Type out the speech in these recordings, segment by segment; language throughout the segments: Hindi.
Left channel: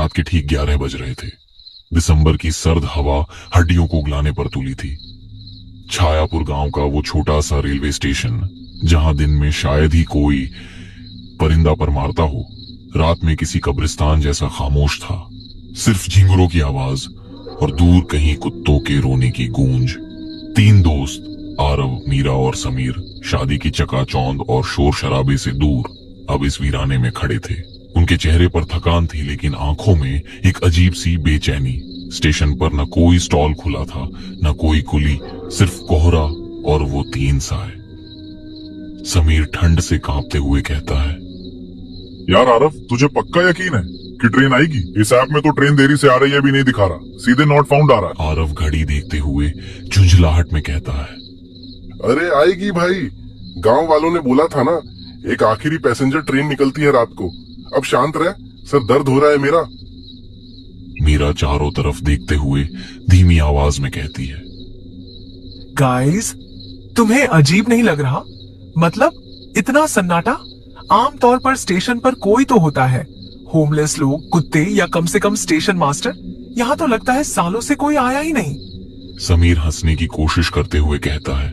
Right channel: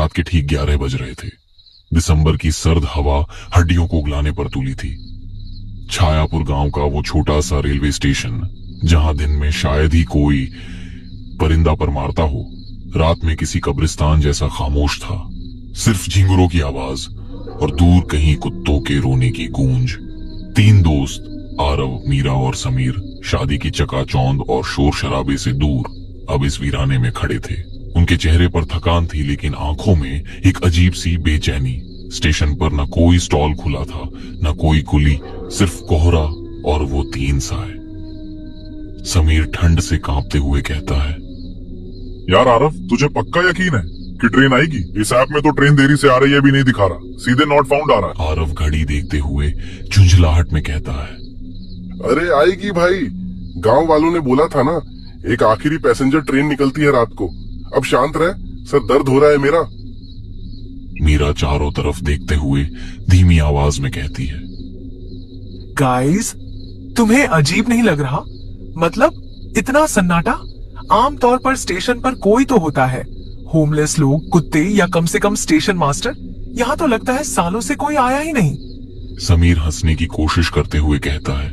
रात के ठीक 11 बज रहे थे। दिसंबर की सर्द हवा हड्डियों को उगलाने पर तुली थी। छायापुर गांव का वो छोटा सा रेलवे स्टेशन, जहां दिन में शायद ही कोई परिंदा पर मारता हो, रात में किसी कब्रिस्तान जैसा खामोश था। सिर्फ झिंगुरों की आवाज और दूर कहीं कुत्तों के रोने की गूंज। 3 दोस्त, आरव, मीरा और समीर, शादी की चकाचौंध और शोर शराबे से दूर अब इस वीराने में खड़े थे। उनके चेहरे पर थकान थी, लेकिन आंखों में एक अजीब सी बेचैनी। स्टेशन पर न कोई स्टॉल खुला था, न कोई कुली, सिर्फ कोहरा और वो 3 साए। समीर ठंड से कांपते हुए कहता है, यार आरव, तुझे पक्का यकीन है कि ट्रेन आएगी? इस ऐप में तो ट्रेन देरी से आ रही है भी नहीं दिखा रहा, सीधे नॉट फाउंड आ रहा है। आरव घड़ी देखते हुए झुंझलाहट में कहता है, अरे आएगी भाई, गांव वालों ने बोला था ना, एक आखिरी पैसेंजर ट्रेन निकलती है रात को। अब शांत रह, सर दर्द हो रहा है मेरा। मीरा चारों तरफ देखते हुए धीमी आवाज में कहती है, गाइस, तुम्हें अजीब नहीं लग रहा? मतलब इतना सन्नाटा? आमतौर पर स्टेशन पर कोई तो होता है, होमलेस लोग, कुत्ते या कम से कम स्टेशन मास्टर। यहाँ तो लगता है सालों से कोई आया ही नहीं। समीर हंसने की कोशिश करते हुए कहता है,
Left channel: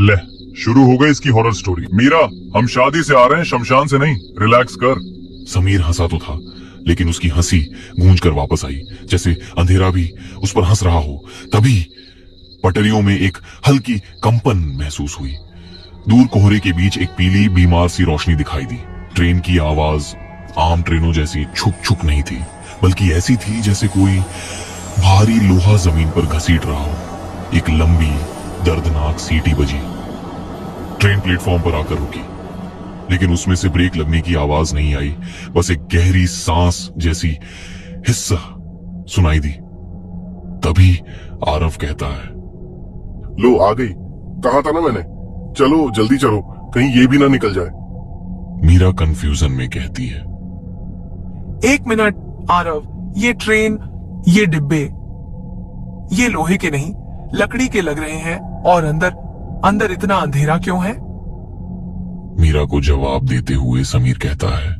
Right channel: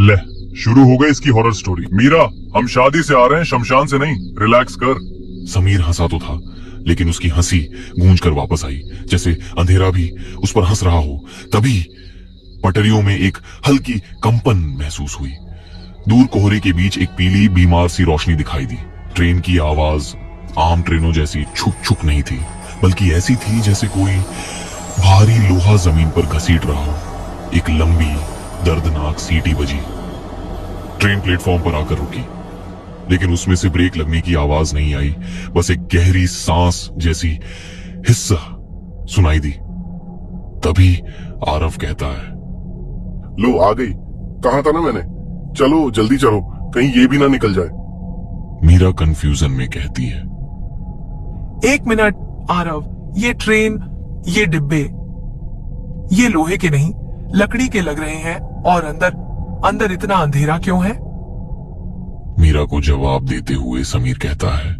ले, शुरू हो गई इसकी हॉरर स्टोरी। मीरा, हम शादी से आ रहे हैं, शमशान से नहीं, रिलैक्स कर। समीर हंसा तो था, लेकिन उसकी हंसी गूंज कर वापस आई, जैसे अंधेरा भी उस पर हंस रहा हो। तभी पटरियों में एक हल्की कंपन महसूस हुई। दूर कोहरे के बीच एक पीली बीमार सी रोशनी दिखाई दी। ट्रेन की आवाज आम ट्रेनों जैसी छुक छुक नहीं थी, बल्कि ऐसी थी जैसे कोई भारी लोहा जमीन पर घसीट रहा हो। एक लंबी दर्दनाक सीटी बजी। ट्रेन प्लेटफॉर्म पर आकर रुकी, लेकिन उसमें से ब्रेक लगने की आवाज नहीं आई, बस एक गहरी सांस जैसी हिस्सा सुनाई दी। तभी आरव कहता है, लो आ गई, कहा था ना मैंने, चलो जल्दी चलो, कहीं ये भी ना निकल जाए। मीरा कंफ्यूजन में कहती है, 1 मिनट आरव, ये ट्रेन, ये डिब्बे, ये लोहे के नहीं, लकड़ी के लग रहे हैं, और अंदर इतना अंधेरा क्यों है? मीरा को जवाब देते हुए समीर कहता है,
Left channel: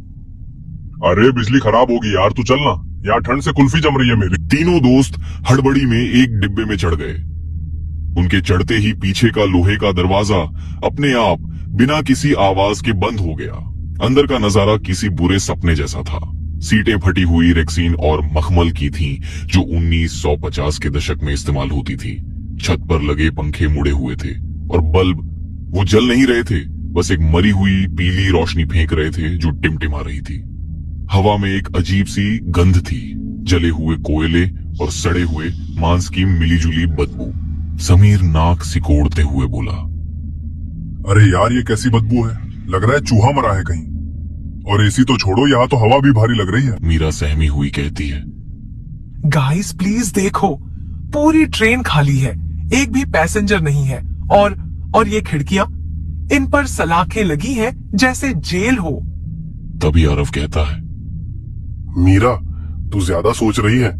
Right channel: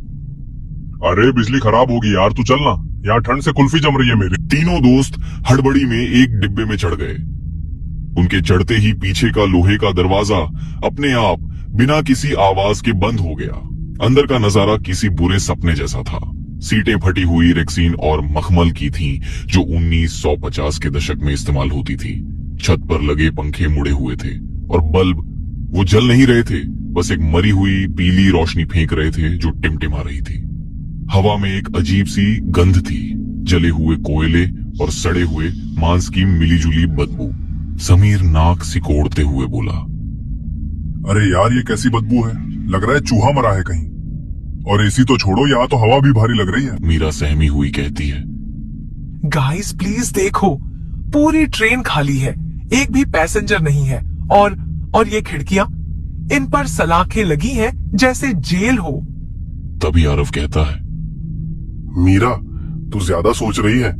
अरे बिजली खराब होगी यार, तू चलना, यार ठंड से कुल्फी जम रही है मेरी। तीनों दोस्त हड़बड़ी में एक डिब्बे में चढ़ गए। उनके चढ़ते ही पीछे का लोहे का दरवाजा अपने आप बिना किसी आवाज के बंद हो गया। अंदर का नजारा किसी बुरे सपने जैसा था। सीटें फटी हुई रेक्सीन और मखमल की थीं, जो 1950 के दशक में इस्तेमाल होती थी। छत पर लगे पंखे मुड़े हुए थे और बल्ब वो जल नहीं रहे थे, बस एक मरी हुई पीली रोशनी फेंक रहे थे जो टिमटिमा रही थी। हवा में एक अजीब सी गंध थी, जले हुए कोयले और सड़े हुए मांस की मिलीजुली बदबू। समीर नाक सिकोड़ते हुए बोला, अरे यार ये कैसी बदबू है, लग रहा है चूहा मरा है कहीं। और एसी तो छोड़ो, यहाँ तो हवा भी भारी लग रही है। मीरा सहमी हुई कहती है, गाइस प्लीज देखो, पूरी ट्रेन खाली है, एक भी पैसेंजर नहीं है, और ये खिड़कियां, इन पर सलाखें लगी हैं जैसे जेल हो। तभी आरव कहता है, मीरा, तू ज्यादा सोच रही है,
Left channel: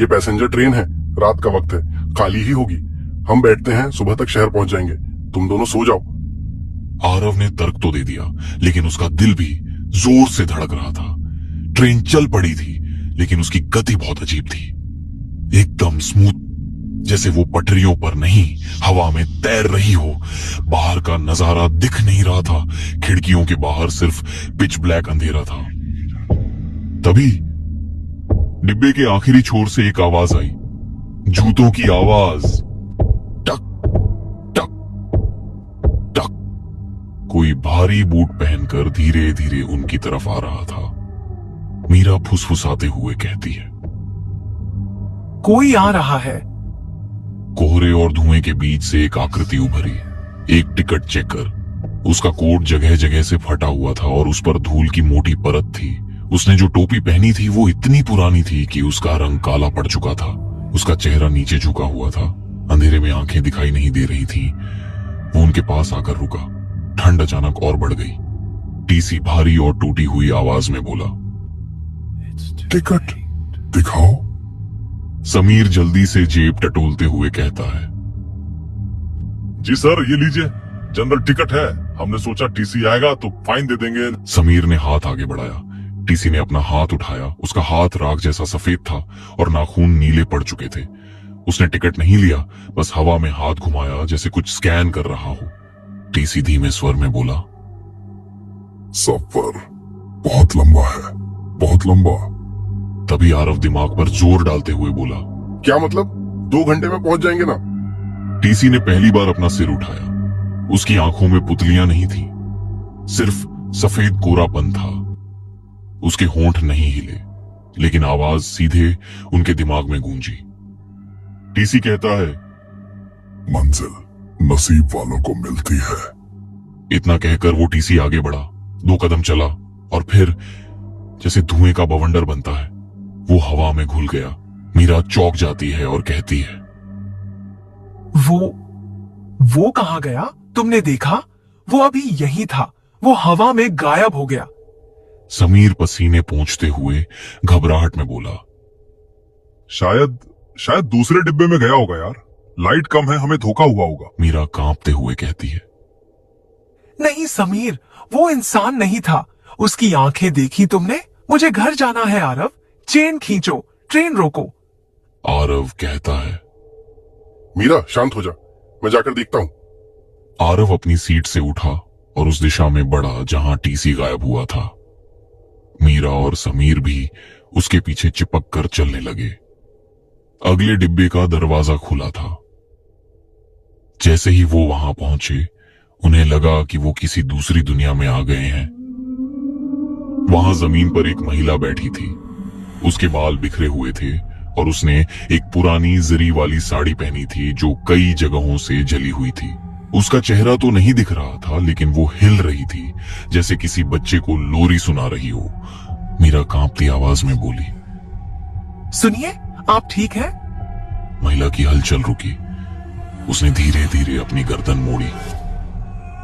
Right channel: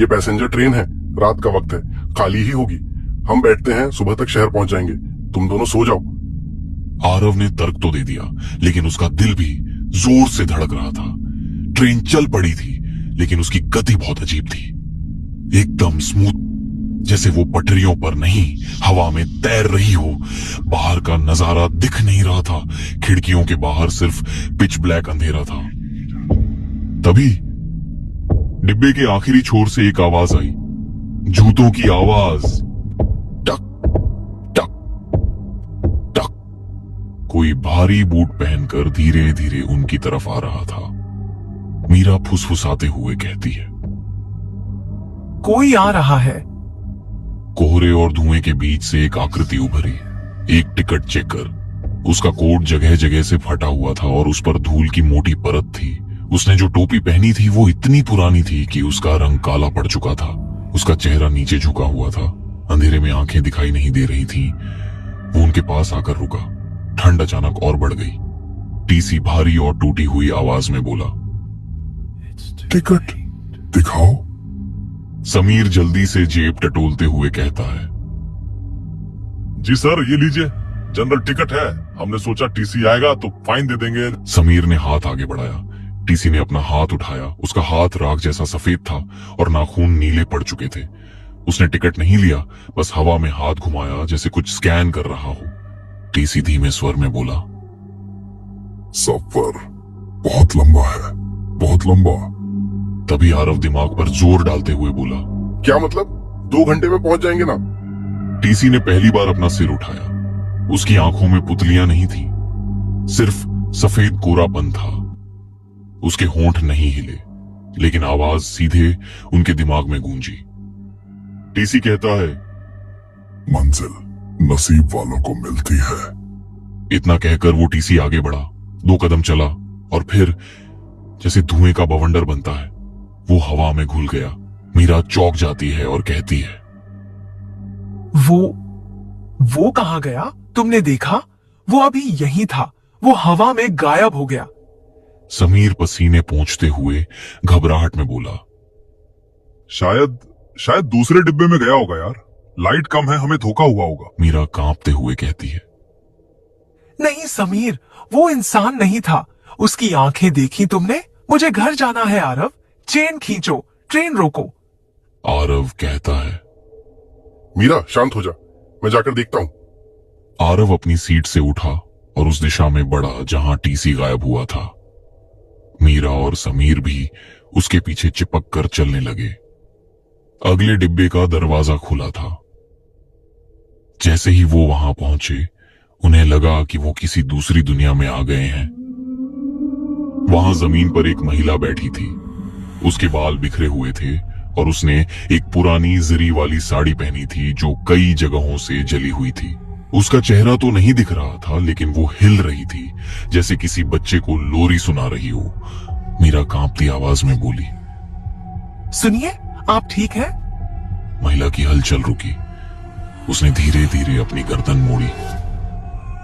ये पैसेंजर ट्रेन है, रात का वक्त है, खाली ही होगी। हम बैठते हैं, सुबह तक शहर पहुंच जाएंगे, तुम दोनों सो जाओ। आरव ने तर्क तो दे दिया, लेकिन उसका दिल भी जोर से धड़क रहा था। ट्रेन चल पड़ी थी, लेकिन उसकी गति बहुत अजीब थी, एकदम स्मूथ, जैसे वो पटरियों पर नहीं हवा में तैर रही हो। बाहर का नजारा दिख नहीं रहा था, खिड़कियों के बाहर सिर्फ पिच ब्लैक अंधेरा था। तभी डिब्बे के आखिरी छोर से एक आवाज आई, जूतों की आवाज, टक टक टक। कोई भारी बूट पहनकर धीरे धीरे उनकी तरफ आ रहा था। मीरा फुसफुसाते हुए कहती है, कोई आ रहा है। कोहरे और धुएं के बीच से एक आकृति उभरी, एक टिकट चेकर। उसका कोट जगह जगह से फटा हुआ था और उस पर धूल की मोटी परत थी। उसने जो टोपी पहनी थी वो इतनी पुरानी थी कि उसका रंग काला पड़ चुका था। उसका चेहरा नीचे झुका हुआ था, अंधेरे में आंखें दिखाई नहीं दे रही थी। वो उनके पास आकर रुका। ठंड अचानक और बढ़ गई। टीसी भारी और टूटी हुई आवाज में बोला, टिकट दिखाओ। समीर जल्दी से जेब टटोलते हुए कहता है, जी सर, ये लीजिए, जनरल टिकट है, हमने सोचा टीसी आएगा तो फाइन दे देंगे। समीर ने हाथ आगे बढ़ाया। टीसी ने अपना हाथ उठाया। उसका हाथ राख जैसा सफेद था और नाखून नीले पड़ चुके थे। उसने टिकट नहीं लिया, बस हवा में हाथ घुमाया जैसे कुछ स्कैन कर रहा हो। टीसी धीमे स्वर में बोला, सफर बहुत लंबा है, बहुत लंबा। तभी आरव दिमाग पर जोर डालते हुए बोला, क्या मतलब? 2 घंटे में पहुंच जाएंगे ना? टीसी ने पहली बार अपना सिर उठाया। उसकी आंखों में पुतलियां नहीं थी, सिर्फ सफेद कोरापन था। उसके होंठ नहीं हिले, लेकिन आवाज सीधे उनके दिमाग में गूंजी। टीसी कहता है, मंजिल नसीब वालों को मिलती है। इतना कहकर वो टीसी आगे बढ़ा। 2 कदम चला और फिर जैसे धुएं का बवंडर बनता है, वो हवा में घुल गया। मीरा चौंक जाती है और कहती है, वो कहां गया? तुमने देखा? वो अभी यही था, वो हवा में गायब हो गया। समीर पसीने पोंछते हुए घबराहट में बोला, शायद दूसरे डिब्बे में गया होगा यार। लाइट कम है, हमें धोखा हुआ होगा। मीरा कांपते हुए कहती है, नहीं समीर, वो इंसान नहीं था। उसकी आंखें देखी तुमने? मुझे घर जाना है आरव, चेन खींचो, ट्रेन रोको। आरव कहता है। मीरा शांत हो जा, मैं जाकर देखता हूं। आरव अपनी सीट से उठा और उस दिशा में बढ़ा जहां टीसी गायब हुआ था। मीरा और समीर भी उसके पीछे चिपक कर चलने लगे। अगले डिब्बे का दरवाजा खुला था। जैसे ही वो वहां पहुंचे, उन्हें लगा कि वो किसी दूसरी दुनिया में आ गए हैं। वहां जमीन पर एक महिला बैठी थी। उसके बाल बिखरे हुए थे और उसने एक पुरानी जरी वाली साड़ी पहनी थी जो कई जगहों से जली हुई थी। उसका चेहरा तो नहीं दिख रहा था, लेकिन वो हिल रही थी जैसे किसी बच्चे को लोरी सुना रही हो। मीरा कांपती आवाज में बोली, सुनिए, आप ठीक हैं? महिला की हलचल रुकी। उसने धीरे धीरे अपनी गर्दन मोड़ी,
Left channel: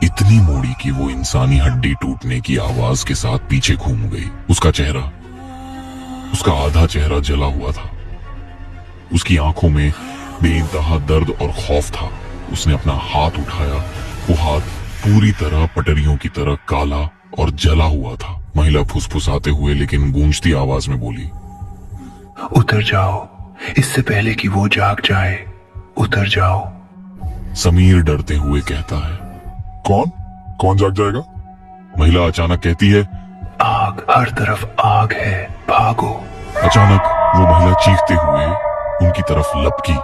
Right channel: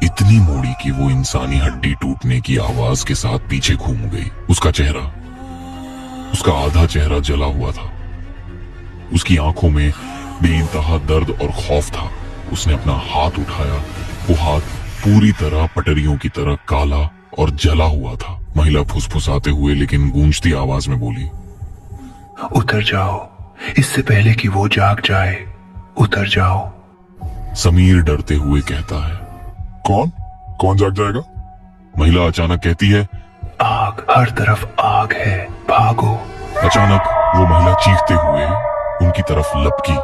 इतनी मोड़ी कि वो इंसानी हड्डी टूटने की आवाज के साथ पीछे घूम गई। उसका आधा चेहरा जला हुआ था। उसकी आंखों में बेइंतहा दर्द और खौफ था। उसने अपना हाथ उठाया। वो हाथ पूरी तरह पटरियों की तरह काला और जला हुआ था। महिला फुसफुसाते हुए लेकिन गूंजती आवाज में बोली, उतर जाओ, इससे पहले कि वो जाग जाए, उतर जाओ। समीर डरते हुए कहता है, कौन जाग जाएगा? महिला अचानक कहती है, आग, हर तरफ आग है, भागो। अचानक वो महिला चीखते हुए उनकी तरफ लपकी,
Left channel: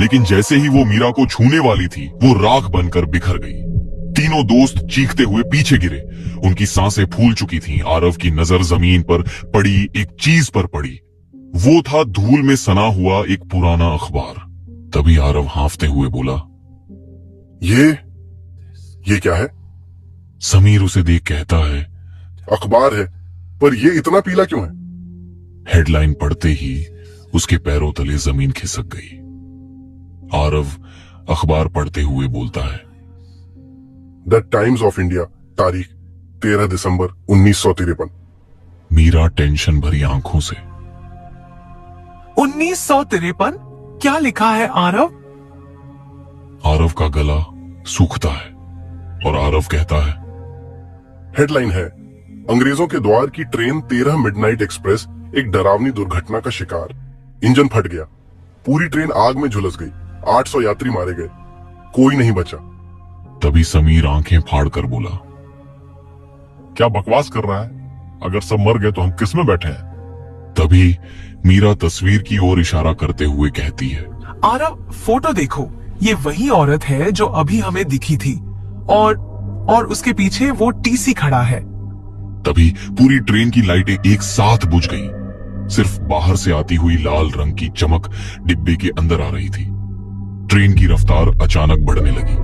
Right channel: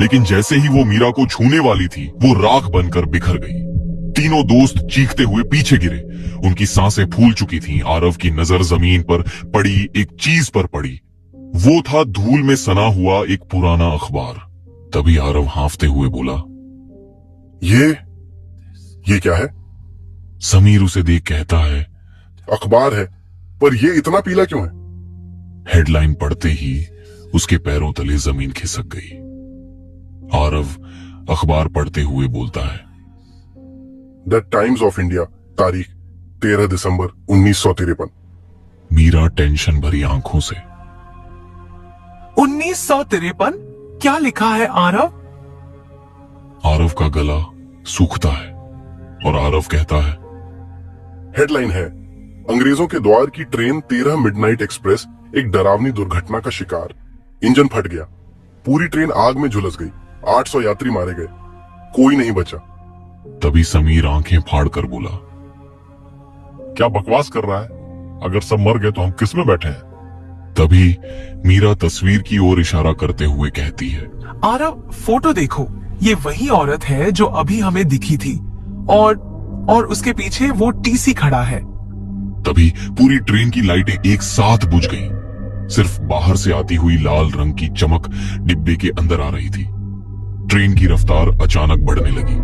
लेकिन जैसे ही वो मीरा को छूने वाली थी, वो राख बनकर बिखर गई। तीनों दोस्त चीखते हुए पीछे गिरे। उनकी सांसें फूल चुकी थीं। आरव की नजर जमीन पर पड़ी एक चीज पर पड़ी। वो था धूल में सना हुआ एक पुराना अखबार। तभी आरव हांफते हुए बोला, ये क्या है? समीर उसे देख कहता है, अखबार है, पर ये इतना पीला क्यों है? हेडलाइन पढ़ते ही उसके पैरों तले जमीन खिसक गई। आरव अखबार पढ़ते हुए बोलता है, द टाइम्स ऑफ इंडिया, तारीख 13 दिसंबर 1953। मीरा टेंशन भरी आंखों से, 1953? क्या लिखा है आरव? आरव का गला सूखता है और आरव कहता है, हेडलाइन है, अंग्रेजों के द्वार की ट्रेन 13 मिडनाइट एक्सप्रेस एक डरावनी दुर्घटना का शिकार। इंजन फट गया, पूरी ट्रेन आग में झुलस गई, 800 यात्री मारे गए, कोई नहीं बचा। तभी समीर आंखें फाड़कर बोला, क्या बकवास कर रहा है? अगर सब मर गए तो हम किस में बैठे हैं? तभी मीरा तस्वीर की ओर इशारा करते हुए कहती है, आरव, फोटो देखो, ये वही औरत है जो अभी हमें दिखी थी और उसके पीछे वो टीसी खड़ा है। तभी पूरी ट्रेन की लाइटें एक साथ बुझ गईं। सिर्फ बाहर से आती हुई लाल रंग की चमक डिब्बे के अंदर आ रही थी। ट्रेन की रफ्तार अचानक बढ़ने लगी।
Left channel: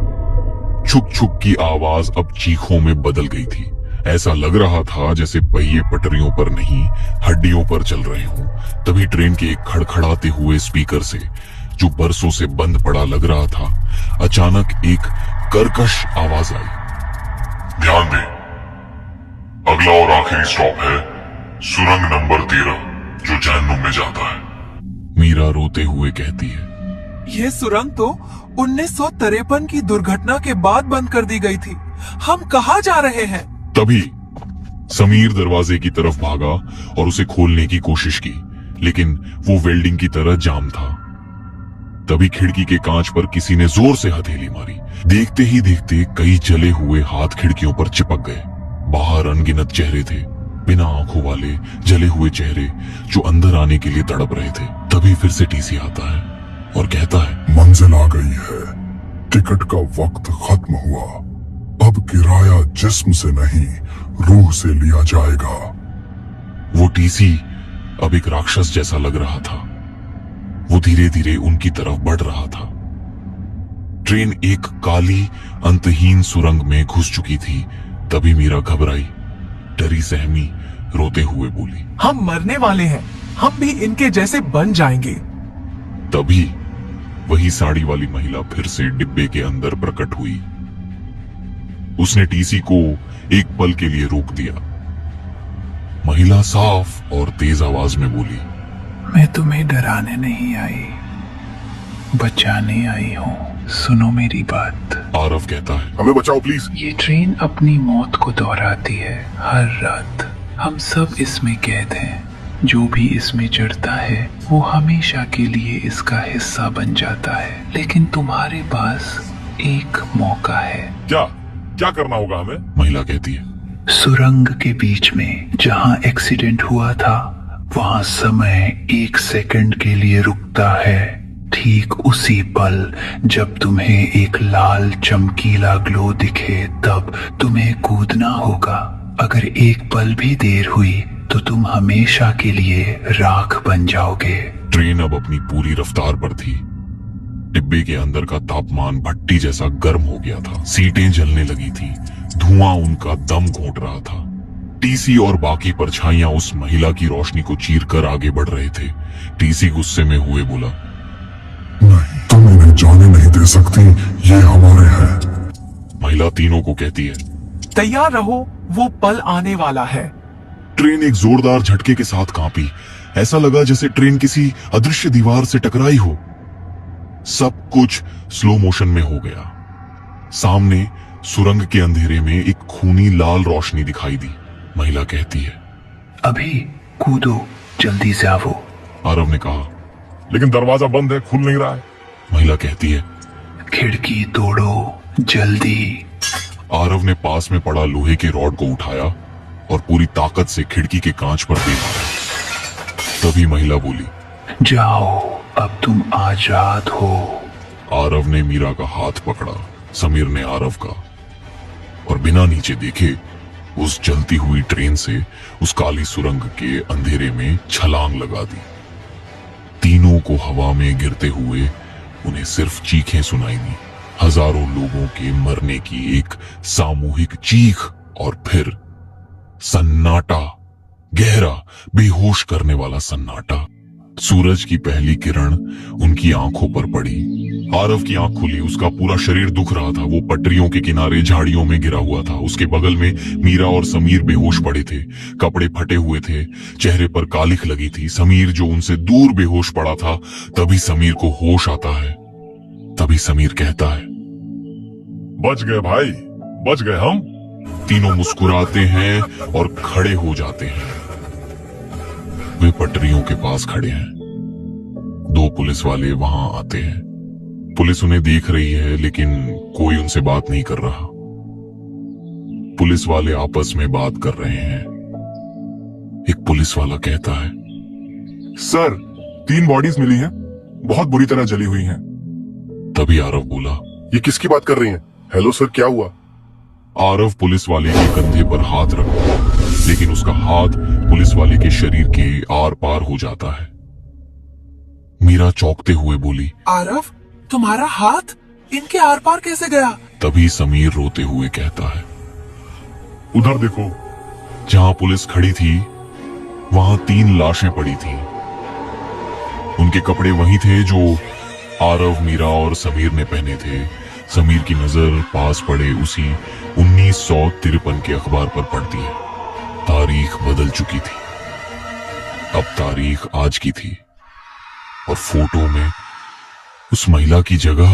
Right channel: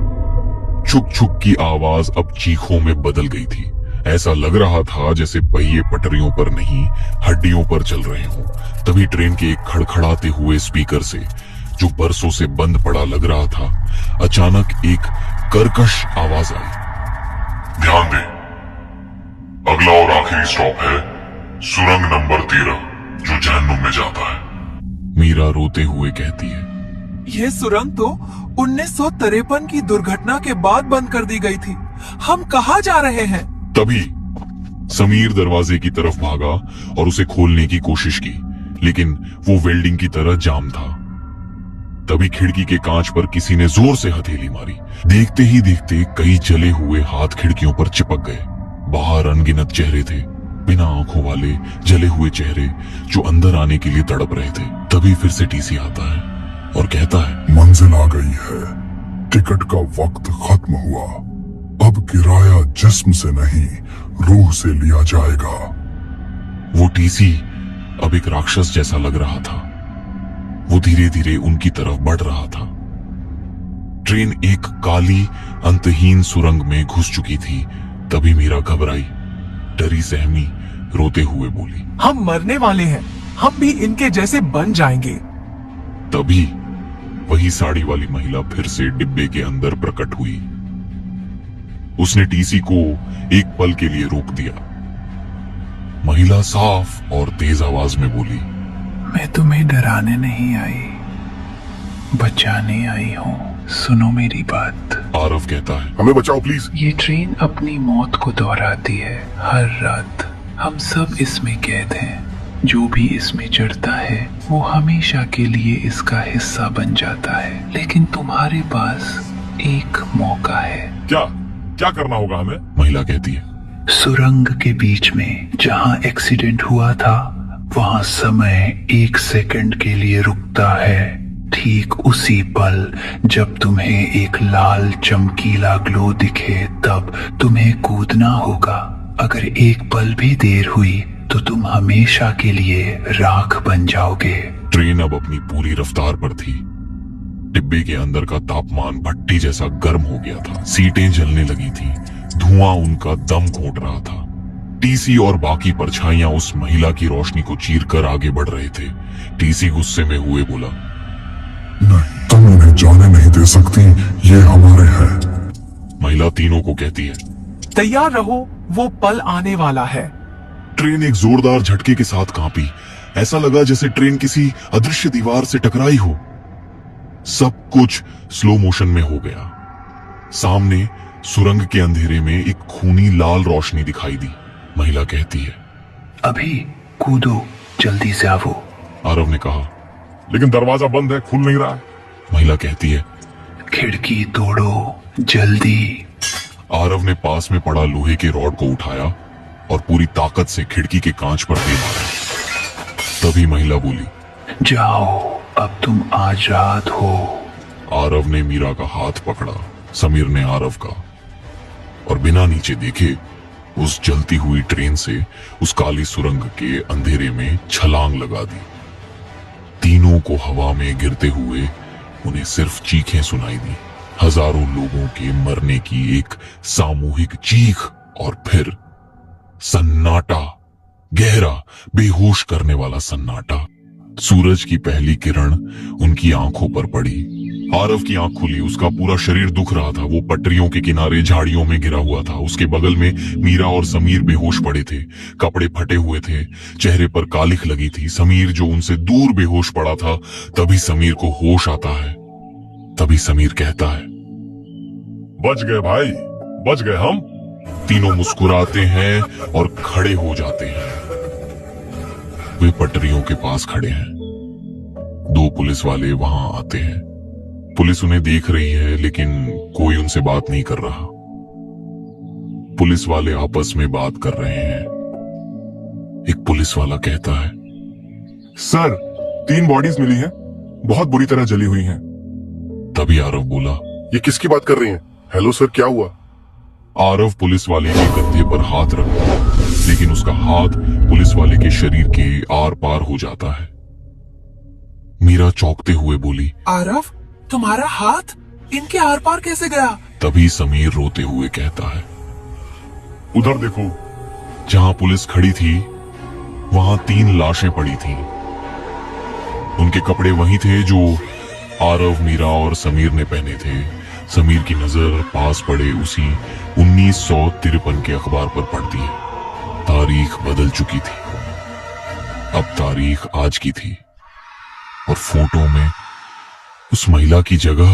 छुक छुक की आवाज अब चीखों में बदल गई थी। ऐसा लग रहा था जैसे पहिए पटरियों पर नहीं, हड्डियों पर चल रहे हों। तभी ट्रेन के एक खड़खड़ाते हुए स्पीकर से, जो बरसों से बंद पड़ा लग रहा था, अचानक एक कर्कश आवाज आई, ध्यान दे, अगला और आखिरी स्टॉप है सुरंग नंबर 13, जो जहन्नुम में जाता है। मीरा रोते हुए कहती है, ये सुरंग तो 1953 की दुर्घटना के बाद बंद कर दी गई थी। हम कहाँ जा रहे हैं? तभी समीर दरवाजे की तरफ भागा और उसे खोलने की कोशिश की, लेकिन वो वेल्डिंग की तरह जाम था। तभी खिड़की के कांच पर किसी ने जोर से हथेली मारी। देखते ही देखते कई जले हुए हाथ खिड़कियों पर चिपक गए। बाहर अनगिनत चेहरे थे, बिना आंखों वाले जले हुए चेहरे जो अंदर आने के लिए तड़प रहे थे। तभी फिर से टीसी आता है और कहता है, मंजिल आ गई है, टिकट का वक्त खत्म हुआ। अब किराया जिस्म से नहीं रूह से लिया जाएगा। वो टीसी अब एक राक्षस जैसा लग रहा था। वो धीरे धीरे उनकी तरफ बढ़ रहा था। ट्रेन एक काली अंतहीन सुरंग में घुस चुकी थी। तभी मीरा घबराई, डरी सहमी रोते हुए बोली, हम मरने वाले हैं, हम भी इनके जैसे बन जाएंगे। तभी वही साड़ी वाली महिला फिर से डिब्बे के अंदर प्रकट हुई। उसने टीसी को एक पल के लिए रोक दिया। महिला साफ और तेज आवाज में बोली, मैं तुम्हें डराने नहीं आई, बचाने आई हूँ। सुनो मेरी बात। आरव कहता है, हमें बचाओ प्लीज। ये ट्रेन अपनी मौत को दोहराती है हर रात। हम सब इसमें कैद हैं। जो भी इसमें चढ़ता है वो हमेशा के लिए इसका हिस्सा बन जाता है। लेकिन तुम्हारे पास एक मौका है। क्या क्या करना होगा हमें? महिला कहती है, सुरंग के बीच में जहाँ एक्सीडेंट हुआ था वहाँ समय 1 सेकंड के लिए रुकता है। ठीक उसी पल जब तुम्हें एक लाल चमकीला ग्लो दिखे तब तुम्हें कूदना होगा। अगर एक पल भी देर हुई तो तुम हमेशा के लिए राख बन जाओगे। ट्रेन अब अपनी पूरी रफ्तार पर थी। डिब्बे के अंदर का तापमान भट्टी जैसा गर्म हो गया था। सीटें जलने लगी थी। धुआं उनका दम घोंट रहा था। टीसी और बाकी परछाइयां उस महिला की रोशनी को चीरकर आगे बढ़ रहे थे। टीसी गुस्से में हुए बोला, नहीं, तुम इन्हें जाने नहीं दे सकती, ये हमारे हैं। महिला तीनों को कहती है, तैयार रहो, वो पल आने वाला है। ट्रेन एक जोरदार झटके के साथ कांपी। ऐसा लगा जैसे ट्रेन किसी अदृश्य दीवार से टकराई हो। सब कुछ स्लो मोशन में हो गया। सामने सुरंग के अंधेरे में एक खूनी लाल रोशनी दिखाई दी। महिला कहती है, अभी कूदो, जल्दी से आओ। आरव ने कहा। लेकिन दरवाजा बंद है, खुल नहीं रहा। महिला कहती है, खिड़की तोड़ो, जल्दी। आरव ने पास में पड़ा लोहे के रॉड को उठाया और पूरी ताकत से खिड़की के कांच पर दे दिया। तभी महिला बोली, जाओ, अब तुम आजाद हो। आरव ने मीरा का हाथ पकड़ा, समीर ने आरव का, और बिना नीचे देखे उस जलती हुई ट्रेन से उस काली सुरंग के अंधेरे में छलांग लगा दी। तीनों को हवा में गिरते हुए उन्हें सिर्फ चीखें सुनाई दी। हजारों लोगों के मरने की एक सामूहिक चीख और फिर सन्नाटा, गहरा बेहोश करने वाला सन्नाटा। सूरज की पहली किरण उनकी आंखों पर पड़ी। आरव की आंख खुली, उसका पूरा शरीर दुख रहा था। वो पटरियों के किनारे झाड़ियों में गिरा हुआ था। उसके बगल में मीरा और समीर बेहोश पड़े थे। कपड़े फटे हुए थे, चेहरे पर कालिख लगी थी। समीर जो उनसे दूर बेहोश पड़ा था। तभी समीर को होश आता है। तभी समीर कहता है, बच गए भाई, बच गए हम। तीनों मुस्कुराते हैं और खड़े हो जाते हैं। वे पटरियों के पास खड़े हैं। 2 पुलिस वाले वहां आते हैं। पुलिस उन्हें देख रही है लेकिन कोई उनसे बात नहीं कर रहा। पुलिस वाले आपस में बात कर रहे हैं। एक पुलिस वाला कहता है, सर, 3 बॉडीज मिली हैं, बहुत बुरी तरह जली हुई हैं। तभी आरव बोला, ये किसकी बात कर रही हैं? हेलो सर, क्या हुआ? आरव पुलिस वाले के कंधे पर हाथ रखता है, लेकिन उसका हाथ पुलिस वाले के शरीर के आर पार हो जाता है। मीरा चौंकते हुए बोली, आरव, तुम्हारा हाथ इनके आर पार कैसे गया? तभी समीर रोते हुए कहता है, उधर देखो। जहां पुलिस खड़ी थी वहां 3 लाशें पड़ी थी। उनके कपड़े वही थे जो आरव, मीरा और समीर ने पहने थे। समीर की नजर पास पड़े उसी 1953 के अखबार पर पड़ती है। तारीख बदल चुकी थी। अब तारीख आज की थी और फोटो में उस महिला की जगह